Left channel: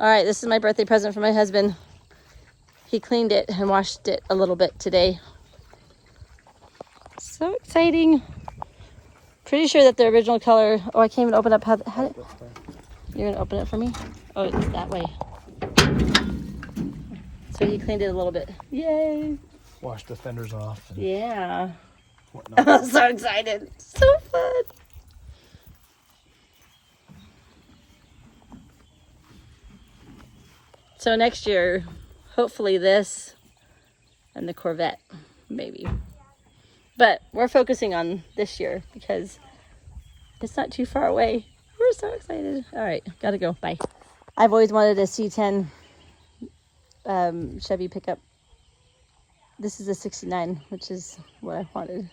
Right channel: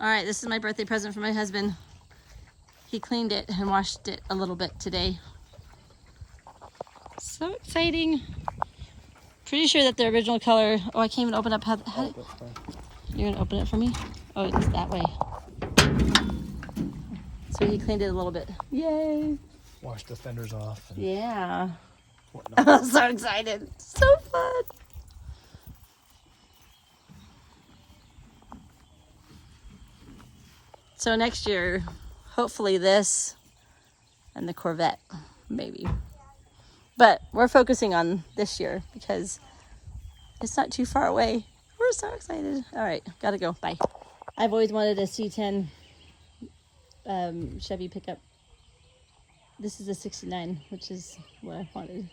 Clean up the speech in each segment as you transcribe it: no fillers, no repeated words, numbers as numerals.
All right, this is my birthday present for my husband. He cleaned it and washed it a little bit today. So exciting. Pretty sure that the original color, oh, I can't even open up how you're gonna open it for me? Oh, it's that way. So he cleaned it a little bit. Yay. Wash the fenders off. Yeah. I'm so excited. So fun. So next year, hopefully this and the Corvette, maybe. But we're focusing on this year because it's not too far away. We're so excited. All right, gotta go. Bye. I've always wanted a C10 Chevy pickup. This is a 69, which is what I wanted.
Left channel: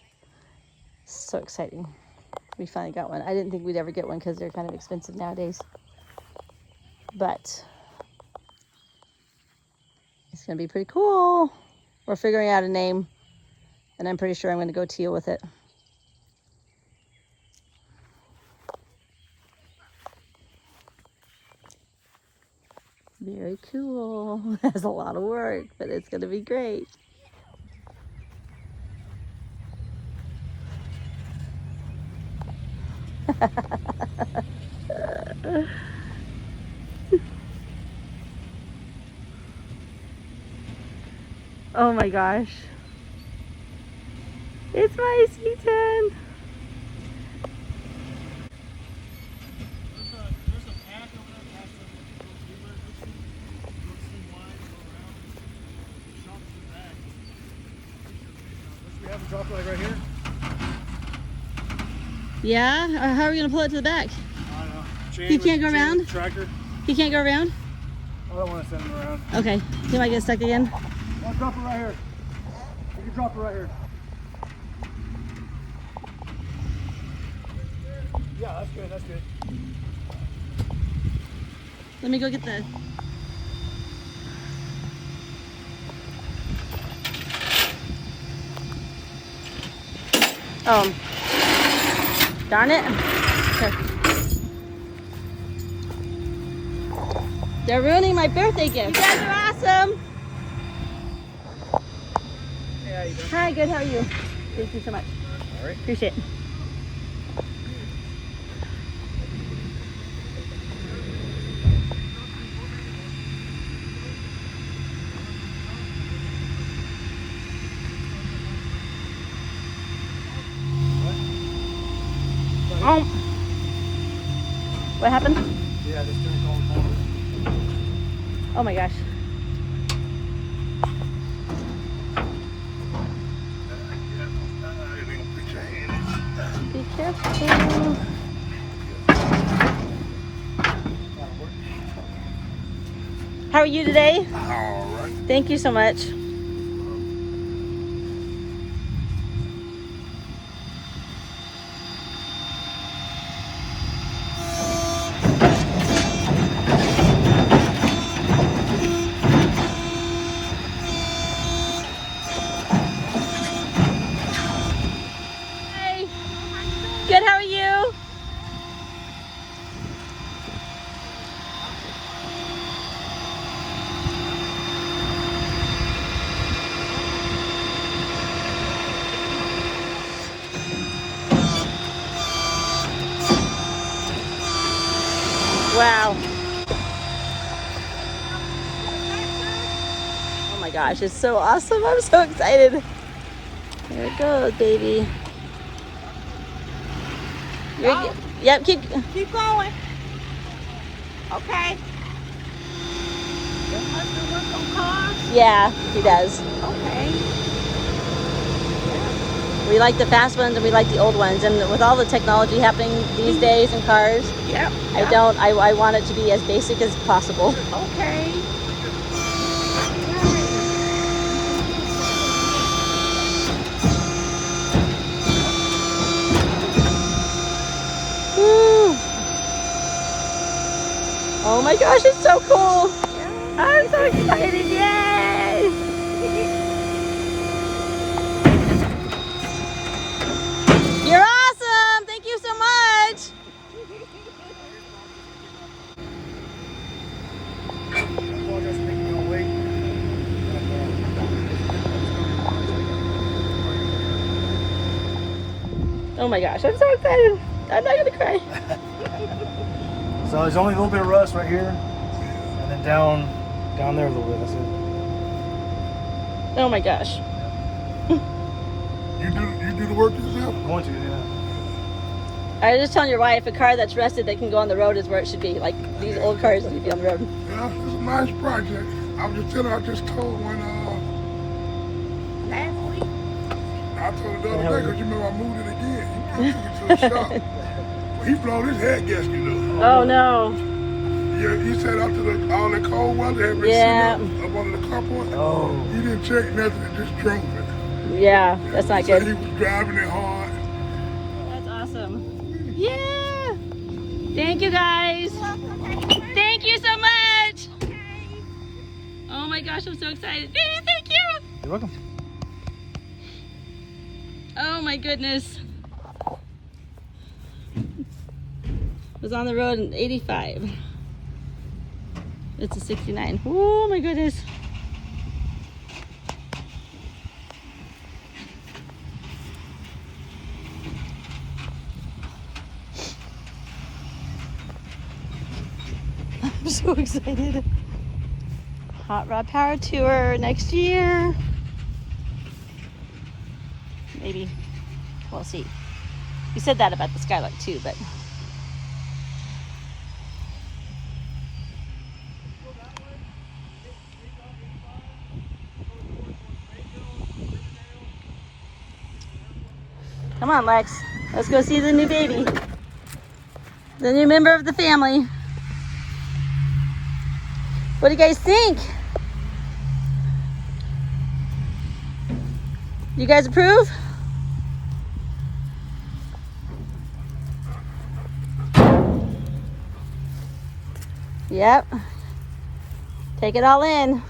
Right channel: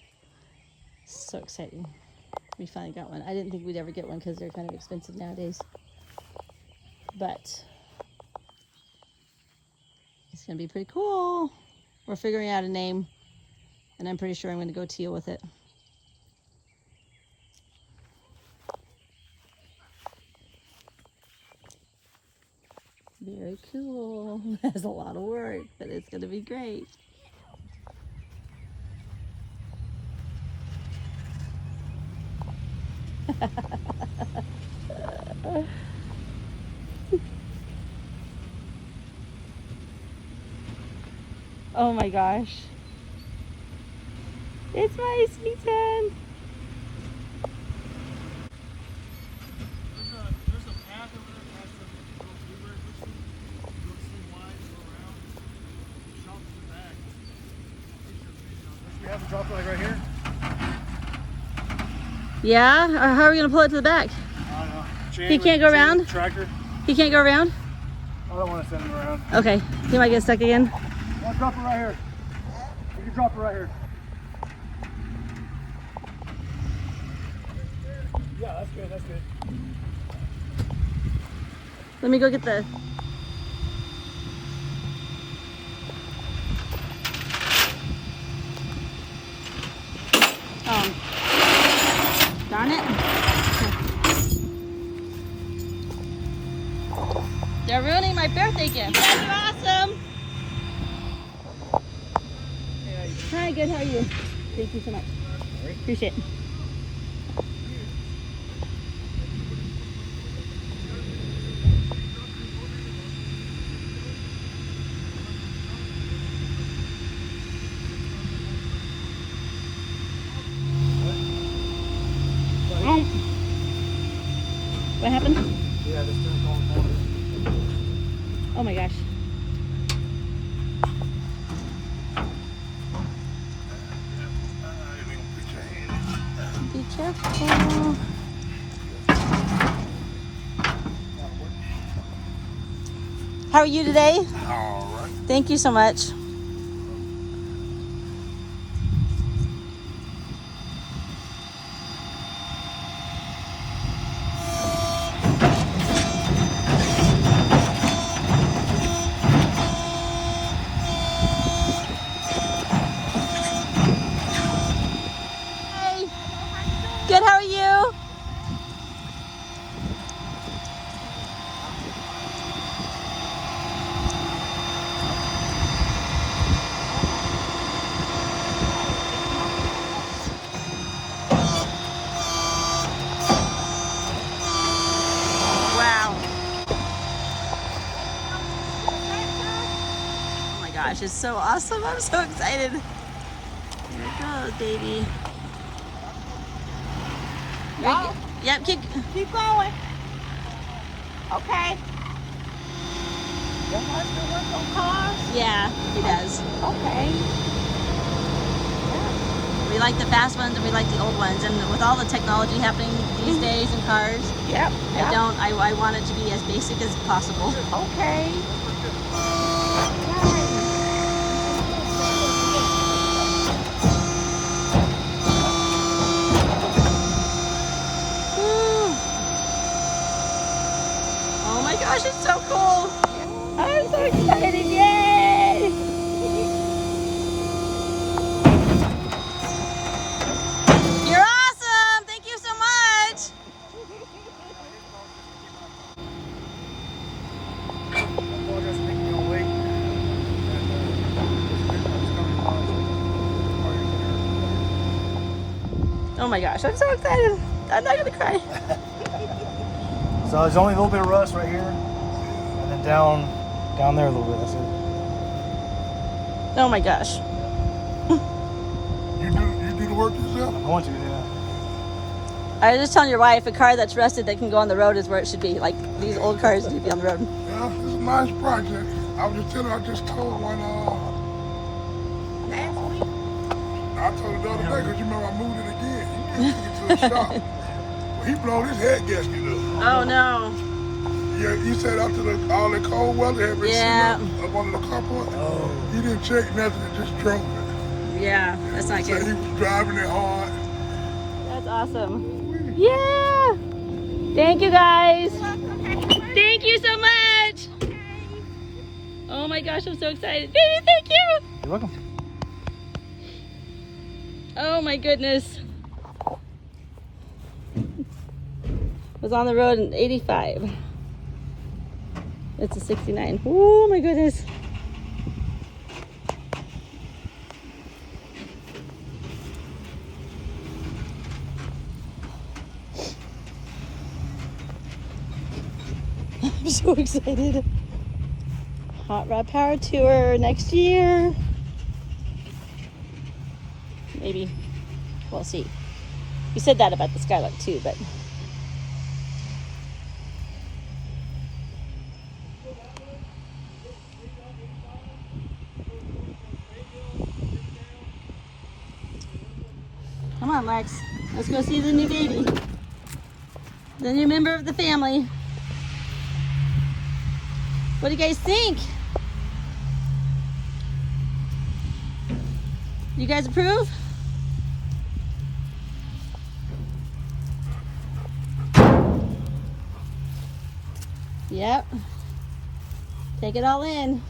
So exciting. We finally got one. I didn't think we'd ever get one because they're kind of expensive nowadays. But it's gonna be pretty cool. We're figuring out a name, and I'm pretty sure I'm gonna go teal with it. Very cool. Has a lot of work, but it's gonna be great. Oh my gosh. It's my C10. There's a path over there past the bluebird fishing. Go swim wide, go around. Shop to the back. Unless we have a drop like right here. Yeah? Or how are we gonna pull it to the back? I don't know. He can't go around? Tracker. He can't go around? I don't want to send him around. Okay. He might get stuck again. I'll drop it right here. You can drop it right here. Yeah, that's good, that's good. Let me go get the... Oh. Darn it. Okay. They're ruining my birthday gift. You guys are awesome. Hey, how you doing? Hi, good. How are you? Thank you so much. All right. Appreciate it. Oh. What happened? Yeah, this thing's all over. Oh my gosh. Be careful. How are you today? All right. Thank you so much. Hey. Good, how are you? Wow. Oh my gosh, it's so awesome. I'm so excited. There it goes, baby. Yep, keep going. Okay. Your husband work on cars? Yeah, he does. Okay. We like the fast ones and we like the old ones. And with all the technology happening these days in cars, Yep. I want it to be as basic as possible. Okay. Woo. Oh my gosh, it's so cool. Yeah. I'm so excited, yay! You're awesome, thank you so much. Oh my gosh, I'm so excited. I'm not gonna cry. So there's only a little bit of rust right here, and then down there a little bit. That's it. Oh my gosh. You do the work yourself? I want to do that. I was just telling your wife, a car that's rusted that can go on the road is where it should be. Like these old cars need to be on the road. Yeah, it's a nice project. I just told one, I told the other day, because you remember I moved it again. He took it to the shop. He blowed his head gasket up. Oh no. Yeah, he said after all the cold weather had been sitting up on the carport, he didn't check nothing, he just drove it. Yeah, that's not He said good. he was driving it hard. That's awesome. Yeah. Thank you guys. Thank you so much. Oh my gosh, I'm so excited. Baby, thank you. You're welcome. Oh my goodness. Was on the road in 85. It's a 69. Oh my goodness. I'm so excited. Hot Rod Power Tour next year. Maybe. We'll see. We said that about the Skylark too, but come on, Lex. Let's go see the new baby. The new member of the family. What do you guys think? You guys approve? Yep. Take it all in.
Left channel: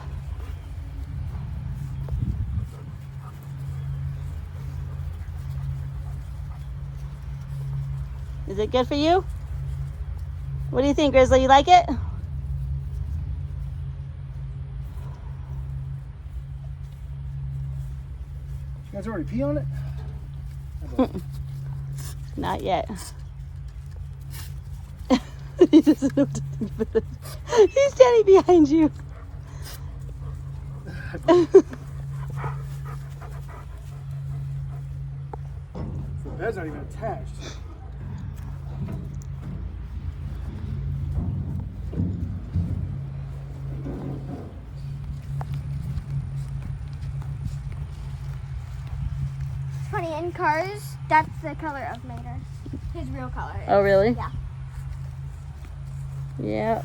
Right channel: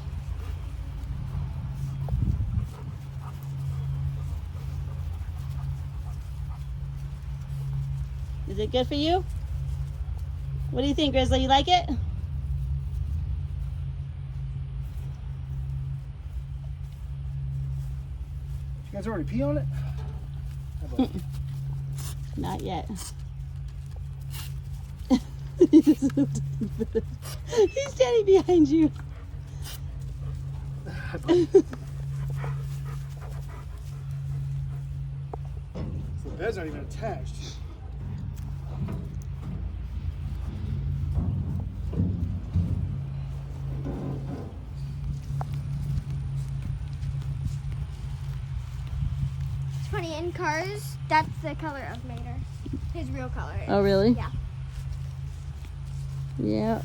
Is it good for you? What do you think, Grizzly? You like it? You guys already pee on it? Not yet. He doesn't know what to think about it. He's standing behind you. The beds aren't even attached. Funny, in cars, that's the color of Mater. His real color. Oh, really? Yeah. Yeah.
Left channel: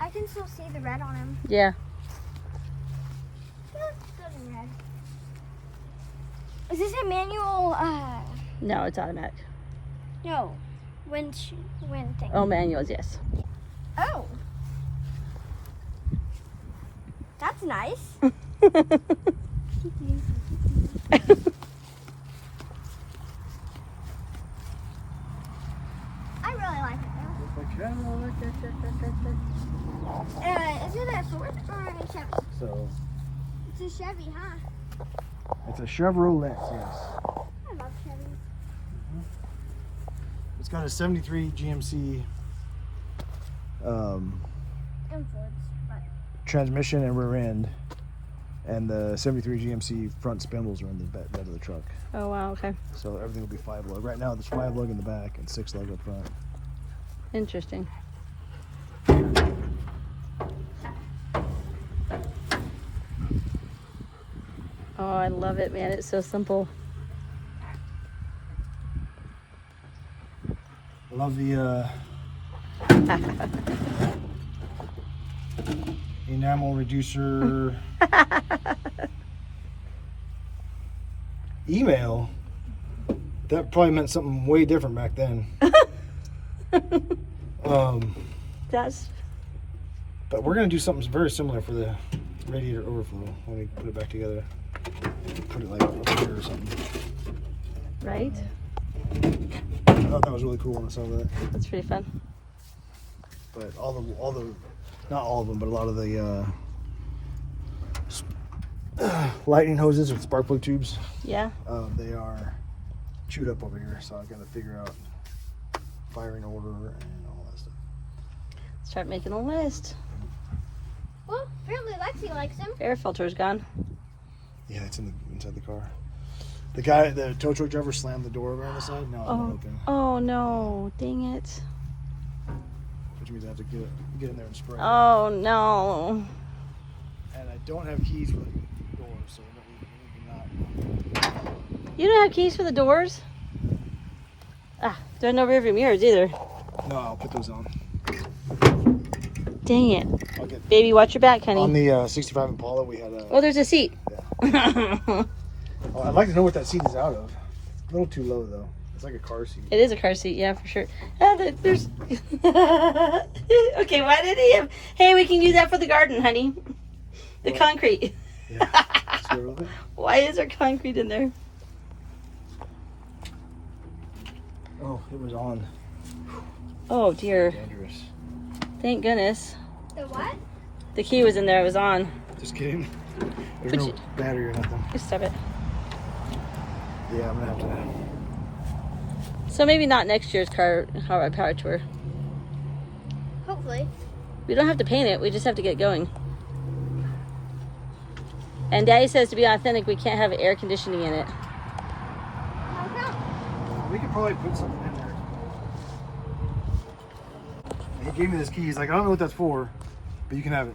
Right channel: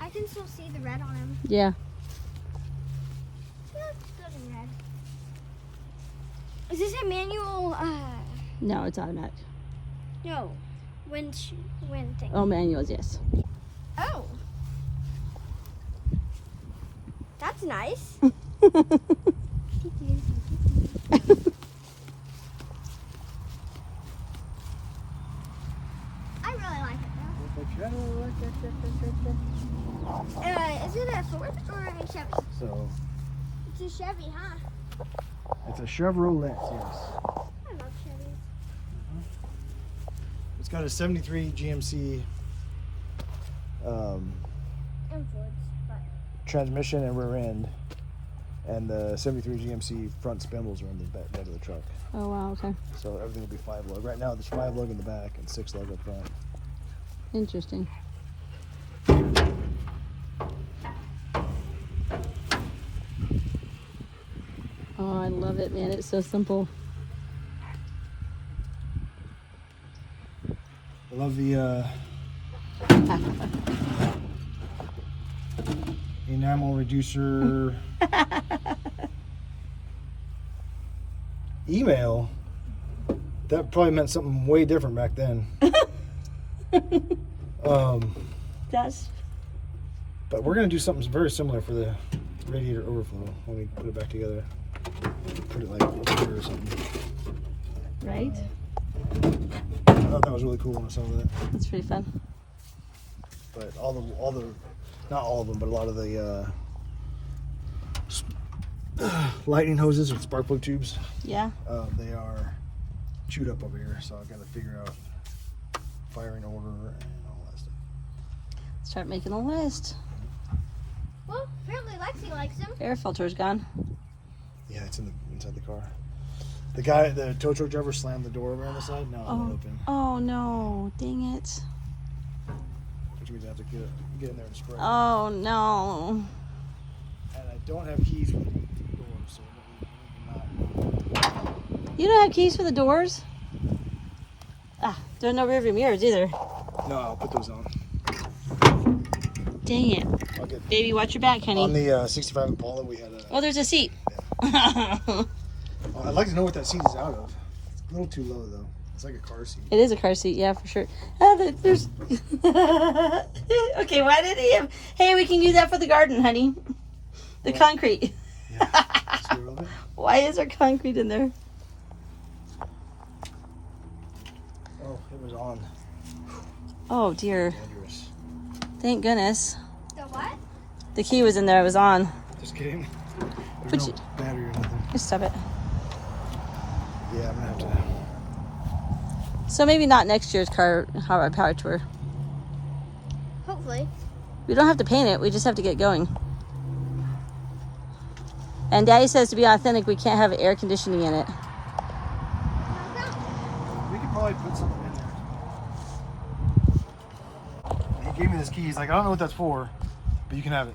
I can still see the red on him. Yeah. Yeah, it's good in red. Is this a manual, No, it's automatic. no, wind thing? Oh, manuals, yes. Oh. That's nice. I really like it though. Is it a Ford or a Chevy? So It's a Chevy, huh? it's a Chevrolet, yes. I love Chevys. It's got a 73 GMC And Fords, but transmission and rear end, and the 73 GMC front spindles are on the back of the truck. Oh, wow, okay. So everything will be 5 lug. Right now there's 5 lug in the back and 6 lug up front. Interesting. Oh, I love it, man. It's so simple. I love the enamel reducer email. That probably meant something way different back then. That's But we're gonna do something very similar for the radiator overflow when we put it back together. Put it like up here or something. right. I thought that was really cool when I saw that. That's pretty fun. But all the, not all of them, but a lot of the lightning hoses with spark plug tubes. Yeah. They are chewed up over here, so I've got to figure out firing order and all that stuff. Start making a list. Well, apparently Lexi likes them. Air filter's gone. Yeah, it's inside the car. The tow truck driver slammed the door over on the side. Now I'm open. Oh no! Dang it! Which means I have to get in there and spray. Oh no! And I don't have keys with the door, so we're not. You don't have keys for the doors? Ah, there are no rearview mirrors either. No, I'll put those on. Dang it! I'll get, Baby, watch your back, honey. on the 65 Impala, we had a. Oh, there's a seat. I'd like to know what that seat is out of. It's a little too low though. It's like a car seat. It is a car seat, yeah, for sure. There's. Okay, why did he have? Hey, we can use that for the garden, honey. The concrete. Yeah. See what I think? Why is there concrete in there? Oh, it was on. Oh dear. Dangerous. Thank goodness. The what? The key was in there. It was on. Just kidding. Would There's no you- battery or nothing. Just stop it. Yeah, I'm gonna have to. So maybe not next year's car Hot Rod Power Tour. Hopefully. We don't have to paint it. We just have to get going. And Daddy says to be authentic, we can't have air conditioning in it. How come? We could probably put something in there. He gave me this key. He's like, I don't know what that's for, but you can have it.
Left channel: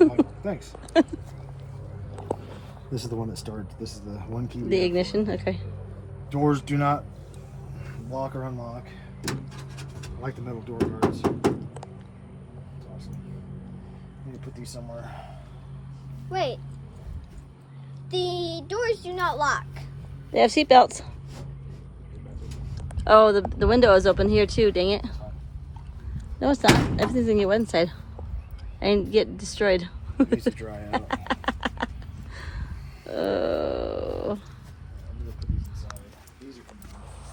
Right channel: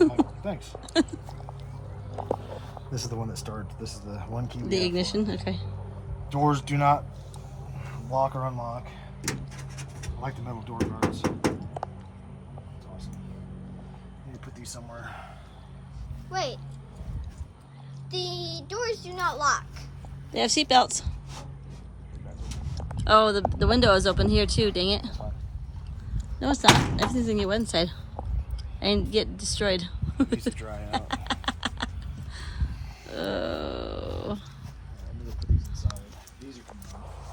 I'm like, thanks. This is the one that starts. This is the one key. we The have. ignition, okay. Doors do not lock or unlock. I like the metal door guards. It's awesome. Need to put these somewhere. Wait. The doors do not lock. They have seat belts. Oh, the window is open here too, dang it. No, it's not. Everything's gonna get wet inside. And get destroyed. It needs to dry out. Oh. I'm gonna put these inside. These are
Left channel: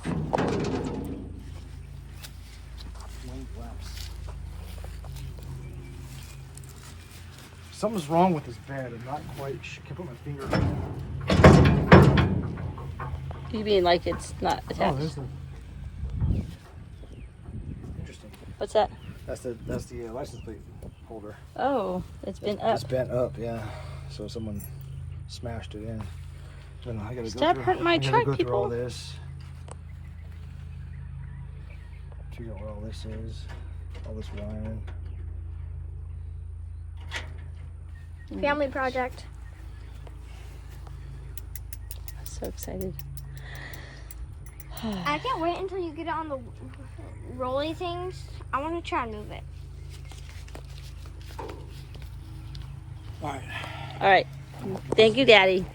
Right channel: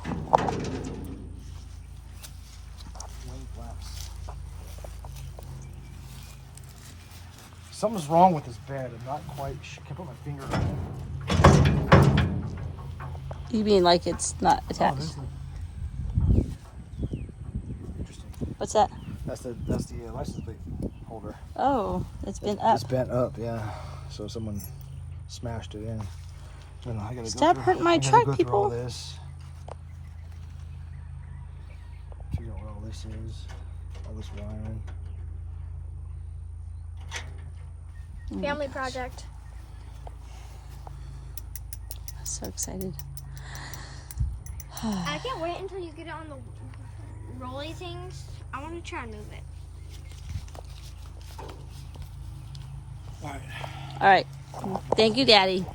from Wing flaps. Something's wrong with this bed. I'm not quite sure. Can't put my finger on it. You mean like it's not Oh, attached? there's the. Interesting. What's that? That's the license plate holder. Oh, it's been up. It's bent up, yeah. So someone smashed it in. Then I gotta Stop go through, hurting my I gotta truck, go through all people. this. Figure out what all this is. All this wiring. Family project. I'm so excited. I can't wait until you get it on the rolly things. I want to try and move it. All right. All right. Thank you, Daddy.